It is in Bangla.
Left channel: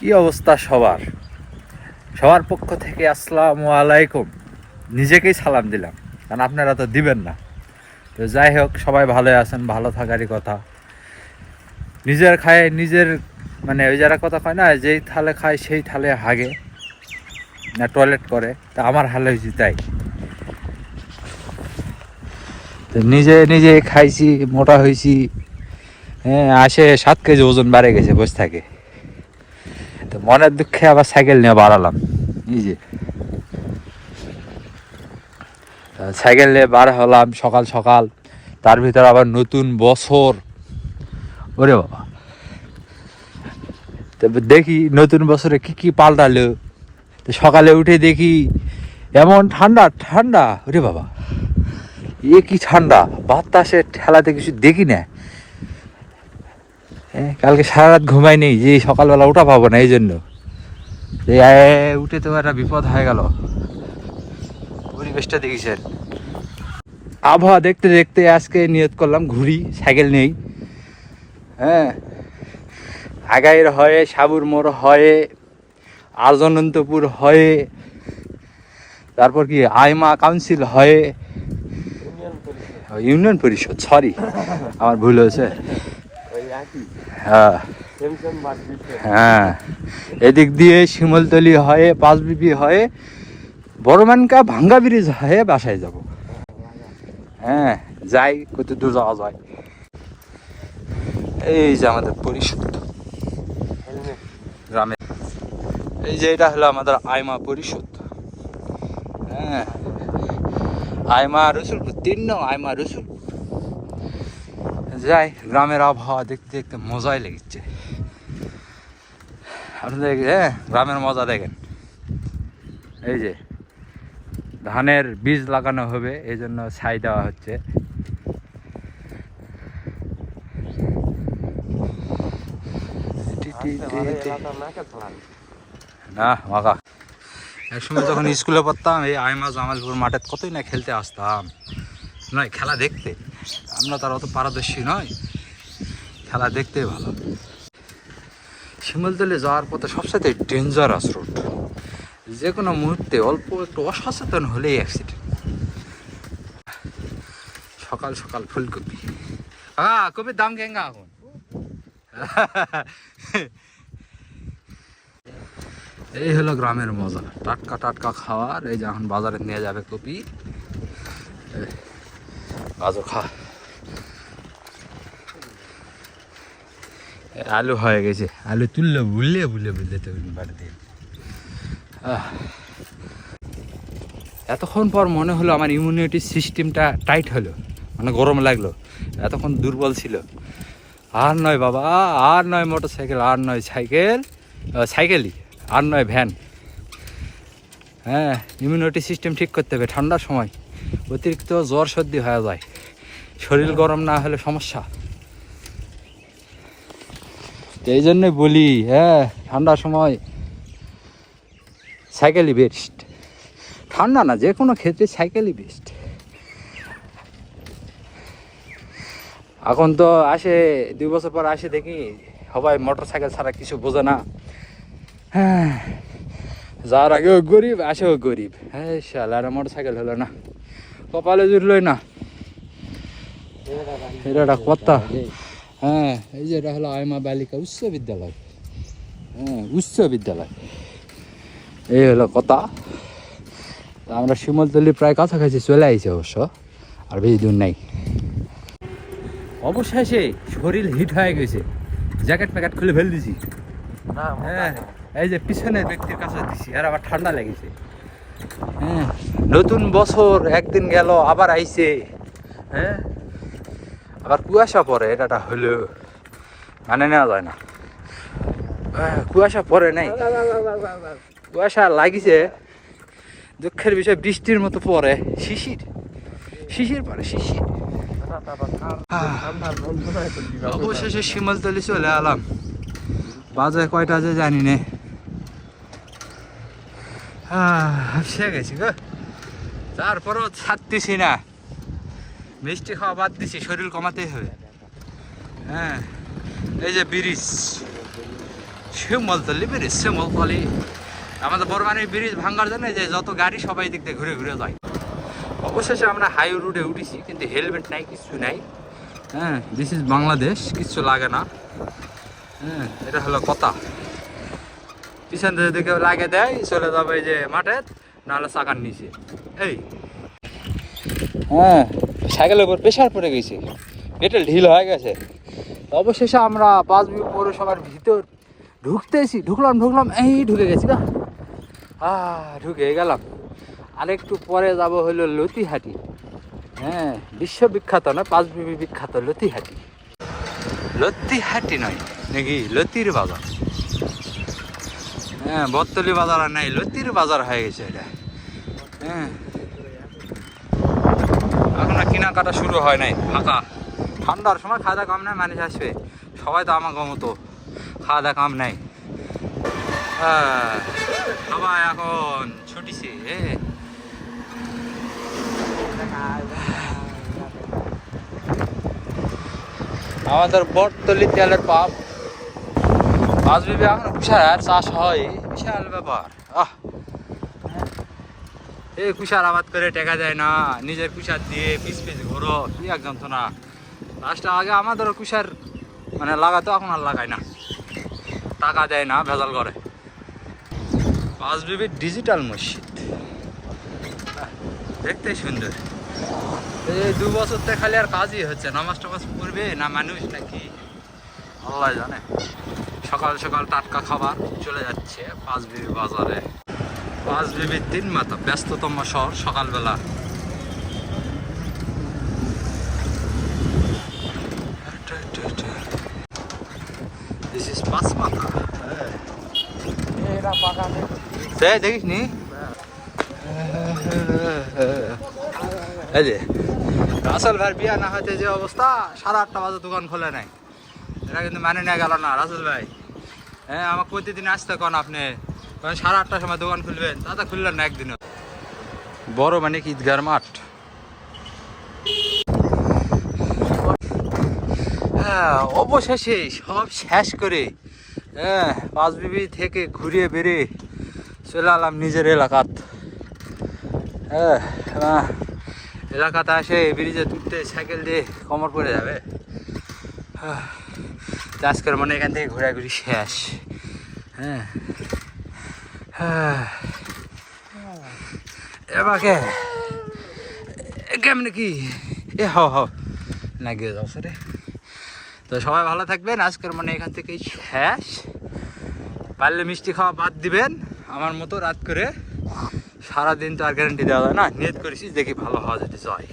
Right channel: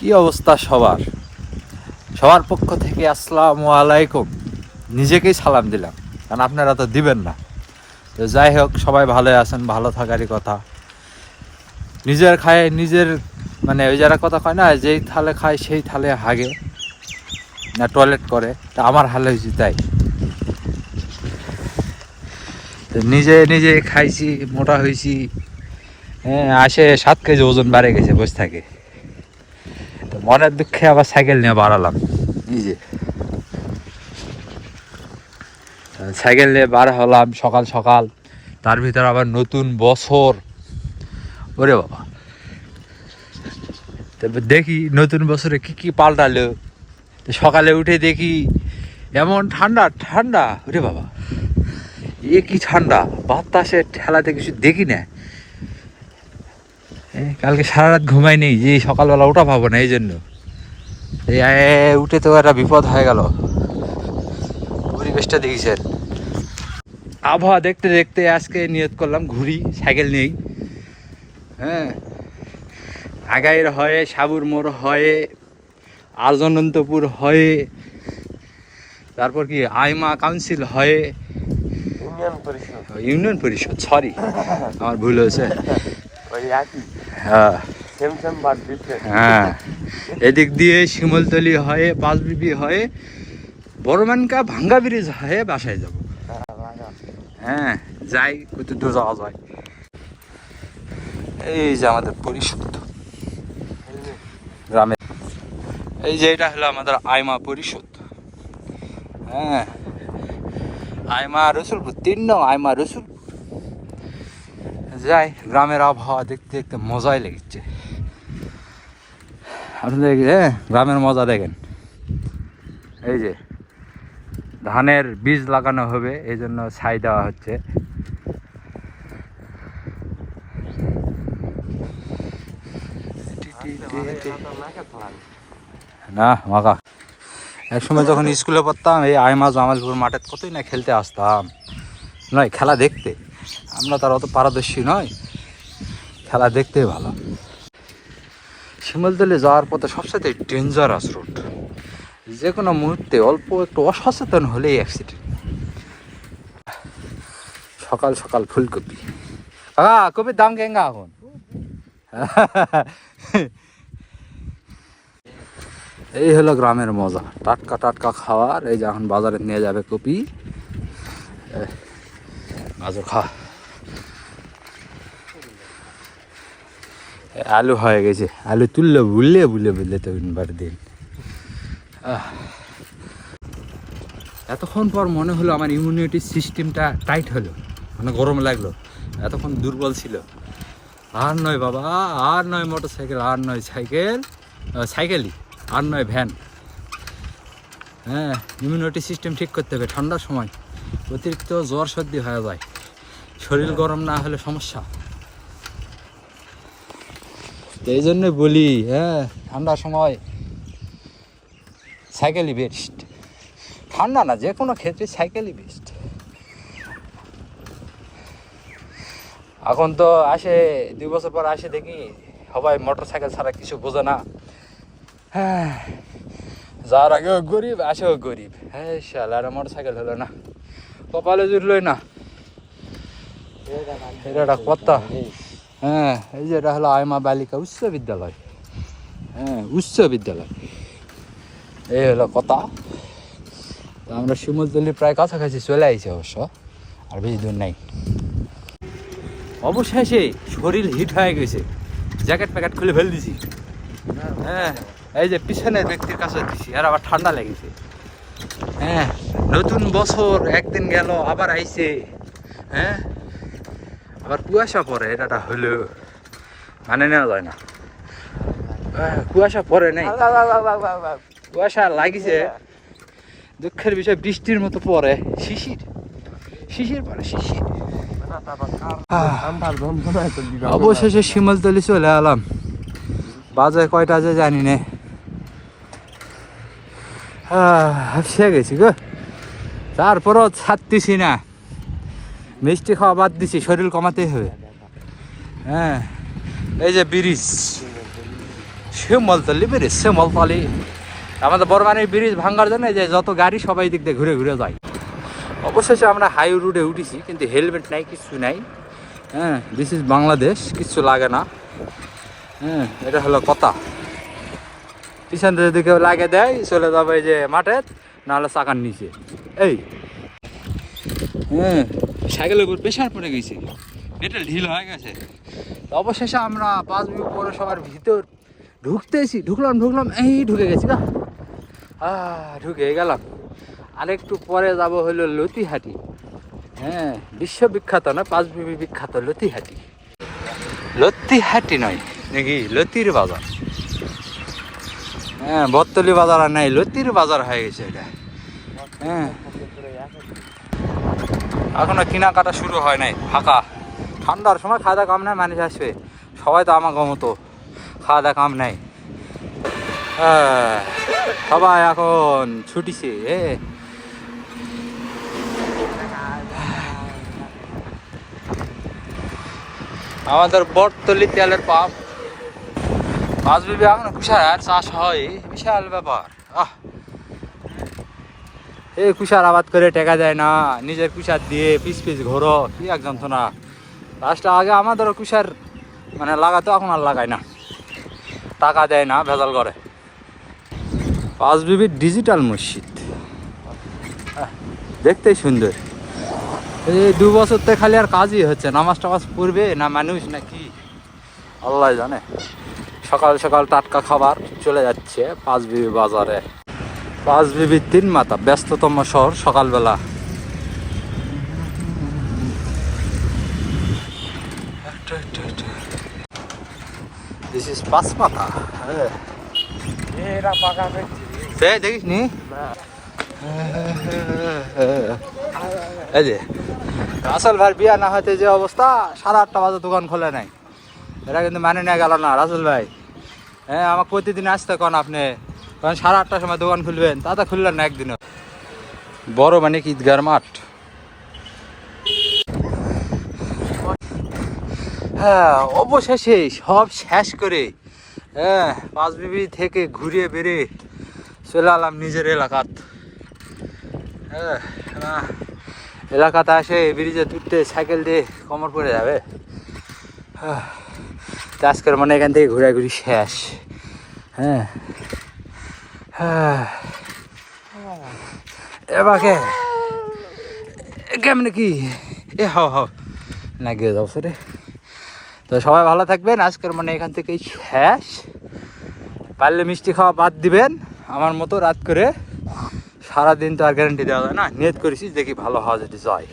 কি অবস্থা সবার? সবার পক্ষ থেকে আসসালামু আলাইকুম। নিজেকেই সালাম দিলাম, কারণ আপনারা তো দিবেন না। তো যাই হোক, সবাই ভালো আছেন, ভালো থাকারই কথা। নিজের খায়, নিজের মানে ওই যারা কথা কয় না, যেই থালে খায়, সেই থালে হাগে। না টয়লেট করে, তা আমার হালে হয়েছে তাই। তো নিজে নিজে খাইছি, মোটা হয়েছি। হ্যাঁ আসে সাত কেজি ওজন বাড়ে গেছে বসে থাকে। মনের দুঃখে আবার সাইকেল নিয়ে বাড়ালাম। এই যে। সাইকেল নিয়ে বার হলাম সকাল সকাল তার ভিতর আবার নতুন বছর। ওরে বাবা। তবে দেখি নতুন বছরে কি কি পাল্টালো। সকালে উঠে দেখি এমন ঠান্ডা ঠান্ডা। ওরে বাবা। এ কি ঠান্ডা। বাতাসে ঠেলাতে কিছু দেখি না। কালকে সারা রাত ঘুমাই নেই যে সকালবেলা উঠা পাবো না এই জন্য উঠে তো একটা বিপদ হয়ে গেল। পরিবেশটা দেখিছেন আবহাওয়া দেখতে দেখতে আজকে নিয়ত করলাম ঘুরি সাইকেল নেই। হ্যাঁ আগাইয়ের হয়ে সাবুর মোড় হয়ে আর্জনন্তপুর হয়ে তারপর কি আইমা কাউন্সিল হয়ে ইউনিয়ন পরিষদ। ইউনিয়ন পরিষদ সরি আমার ভুল হয়েছে। হ্যাঁ। হ্যাঁ। এদিক দিয়ে শিমলতলি হয়ে পাঁচবিবি হয়ে বড়মানকা ভাঙ্গা ব্রিজ হয়ে বাসায় যাব। হ্যাঁ যাই কত দূর যাওয়া যায়। এই যে আমাদের পরিষদ গ্রামে। এই যে এটা হলো আমাদের আইমা পরিষদ হ্যাঁ। আইমা রসুলপুর তিন নং আইমা রসুলপুর। যাই, গ্রামের আবহাওয়া দেখতে দেখতে মজাই লেগেছে। আপনাদের হ্যাঁ গ্রামের মজা দেখেন। এই যে, ধানের বীজ লাগানো হবে, এই জন্য ছাই দেওয়া হচ্ছে। না মাকা এক সময় যখন স্কুলে পড়তাম, এই আইমা জামালপুর মাঠে কতই না খেলতে আসতাম। নয়, খেলা দেখতে। আমরা তার অত পারদর্শী নয়। খেলা দেখতেই ভালো। শিমলতলে যাওয়ার পথে সবসাথে ডেঞ্জারাস রোড যে কোনো মুহূর্তে অল্প একটু অসচেতন হলেই অ্যাক্সিডেন্ট সকাল সকাল ফুলকপি। হ্যাঁ কপির দাম কেঙ্গা এখন? এই হলো গ্রামের মজা। টাটকা টাটকা খাওয়ার, এই যে এখন বাজারে নিয়ে যাবে কপি। গাজর খা। আলু হয়ে গেছে। আলু তুললে বুললে বুলে বুললে তো বার দিন। এতক্ষণ পর মনে হলো আমার ইমিউনিটি সিস্টেমটা টাইট হলো। মানে গরম লাগল। এতক্ষণ দুর্বল ছিল। আর নয় বাবা, আর নয় মোটর সাইকেল আর নয় সাইকেল সাইকেলই আর নয় ভ্যান হ্যাঁ ইমিউনিটি সিস্টেম ঠিক করতে হবে ঠান্ডার সময়। অতিরিক্ত জ্বর সর্দি হয়ে যায়। শরীর গরম না হলে সমস্যা। তো এই জন্যই বলি হ্যাঁ ঠান্ডার সময় সাইকেলই বেস্ট ঠান্ডা না যে কোনো ক্ষেত্রে সাইকেলই বেস্ট এখন তো আসে, দুই বছর পর আসে দেখি, সবাই মোটর সাইকেল ছাড়া কিছু বোঝে না। হ্যাঁ যার আগেও গরিব, আসেও গরিব। হ্যাঁ শালার মোটর সাইকেল হলো না। কপালে জুটলই না। হ্যাঁ এই যে এটা হলো আইমা বালিকা উচ্চ বিদ্যালয়। হ্যাঁ উচ্চ বিদ্যালয়। এই হলো কথা তা আমরা শিমলতলি প্রায় কাছাকাছি চলে আইছি অবশ্য আর বেশি দূর নাই। অবশেষে শরীর হিট হয়ে গেছে। জ্যাকেট প্যাকেট খুলে ফেল দিছি। হ্যাঁ এই যে পিছনে দেখতে কাছে দিছি আর আবার ঠান্ডা লেগেছে। হ্যাঁ নতুন বছর একদিন গেল আবার আইছে। হ্যাঁ আবার কুয়াশা পড়ে এটা হলো মানে নেওয়া যায় না। কুয়াশা পড়ে নাই। কুয়াশা লাগিছে দুঃখের বিষয় বৃষ্টির মতো পড়ে। শিশির? শিশির পরে শিশির। অবশেষে শিমলতলি চলে এলাম। বাজে কয়টা যে জানি নে। সে গেছি গো। তারপরও ছাড়তেছি না। মিষ্টি খাওয়া বাদ দিছি, শরীর কমাতেই হবে। হ্যাঁ এই যে ব্রিজ, শ্যামলতলি ব্রিজ, শ্যামলতলি। আমাদের বর্মানের ব্রিজ ভাঙ্গার জন্য যে যত গাড়ি সবাই দিক দিয়ে ঘুরে ঘুরে যায়। অবশেষে আমরা হাই রোডে উঠেছি, কিন্তু হেলমেট নাই, কিছু নাই। হ্যাঁ দিস ইজ বাংলাদেশ কিচ্ছু লাগে না। হ্যাঁ এটা হলো কথা। পিছন যদি কেউ লাগে দেয়, চলে যাবে যে মাঠে, নাহলে চাকার নিচে। এই। হ্যাঁ সাইকেলের উপর প্রেশার পড়ে গেছে। এটা ঢিল হয়ে গেছে। অবশেষে আমরা পাঁচ বি পৌরসভার ভিতর ঢুকতেছি। ঢুকলাম ঢুকলাম, এই ঢুকে গেছি না ঢুকে গেলাম। আরেকটু পরে যাব হলো লতিহাটি। হ্যাঁ বিশ্ববিখ্যাত পাঁচ বিবি বিখ্যাত লতিহাটি। লতিহাটি নয়, নাকি লতির বাজার? হ্যাঁ বত্তলি বাজার আর নাই, লতির বাজার হয়ে গেছে এটা। হ্যাঁ। এখনও কেনাকাটা শুরু হয় নাই, ফাঁকা। ঠান্ডার সময় খাওয়া দাওয়া কাম নাই মানুষ আসবে। সবাই তো আমার মতো খাওয়া দাওয়া কাম নাই সবাই এখন ছুটিছে আমাদের বটতলি তেলের পাম্প। মাছ বিবি এখন কুষার চাষ হয়, বিশাল ব্যাপার। আহ। এই কুষার আবাদ করে টেকা যায় না, নিজের কুষার দিয়ে পিস পিস ঘোরো, কি এক যন্ত্রণা। লাস্টে আগে আমাদেরও কুষার মানে লাগাতো, এখন আর লাগায় না। টাকা দেয় না, ভেজাল করে। পাঁচ বিবির ডিজিটাল মসজিদ। দেখতেই সুন্দর। এই দু বছর থেকে খালি আর কাজই হচ্ছে, নামাজ টামাজ পড়বে না মানুষ নাকি? আল্লাহ জানে। সকাল সকাল টাটকা খাবার চলে যাচ্ছে পাঁচ বিবি বাজারে। পাঁচ বিবি তিন মাথা, ব্যস্ততম শহর সকালবেলা। দিস ইজ পাঁচ মাথা। দেখিস নি? এই যে, রাসেল ভাই বিয়া না হতে যে অবস্থা, সাড়ে আটটা বাজে দোকান খোলে নাই। এটা কিন্তু মানে নিয়ে গেল না, রাসেল ভাই। হ্যাঁ আমাকে প্রতিদিন আসতে কন আপনি। কারণ সাড়ে আটটার সময় দোকান খুলবেন তা তো খুললেন না একদিনও। বড় মানে কি ঈদগার মাঠ? হ্যাঁ অবশেষে সব শেষ করে হ্যাঁ পাঁচবিবি থেকে ঘুরে বেড়ে চলে আলাম নিজের এলাকাত। হ্যাঁ এলাকাতে আসে ব্রিজে তুলতে সাইকেল দিয়ে কমর পড়ে যাবে। হ্যাঁ, আজকের মানে এখান থেকে ঘোরাঘুরি শেষ। হ্যাঁ এবাকে কেমন কি? এ হাও হাও। না, গিয়ে যাও রে তো সবাই ভালো থাকবেন, আজকের মানে এখান থেকেই শেষ। পারলে মিষ্টি খাওয়া বাদ দিবেন। আমার মতো রাত করে সারাদিন তো আর গ্যারান্টি দেওয়া যায় না। নিয়ত করেছি, দেখি ভালো হওয়া যদি যায়।